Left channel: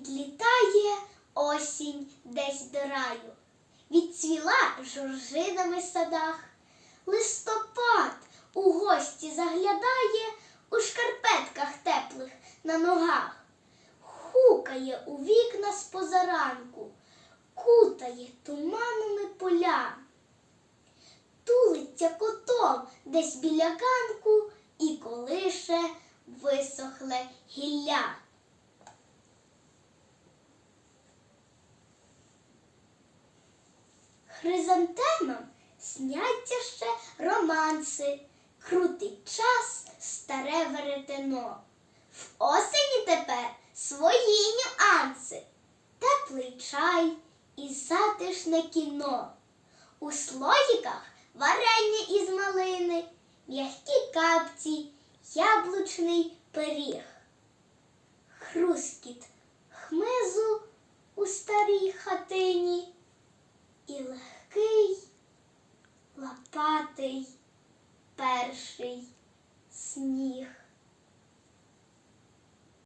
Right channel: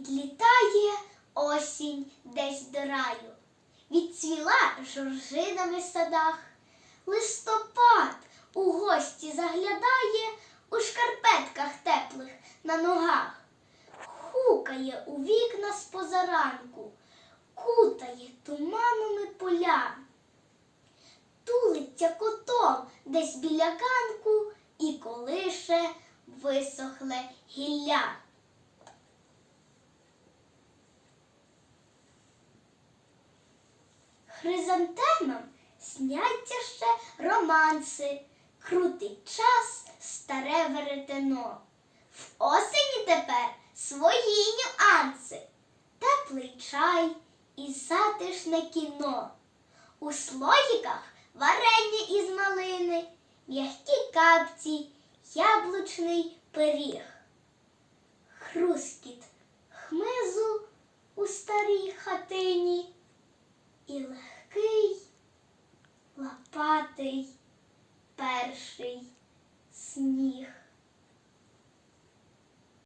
Відлітає осінь десь до раю, відцвіла жоржинами в садах. Листопад у гості заглядає у шкарпетках теплих на ногах. Хукає у вікна з позаранку, кутає туманами поля. Тулиться котом десь біля ганку і колише висохле гілля. Хризантемам сняться ще романси, крутить час старе веретено. В осені тепер свої нюанси, теплий чай і затишне кіно. У слоїках варення із малини, м'які капці, яблучний пиріг. Хрускіт хмизу у старій хатині і легкий лопатий перший сніг.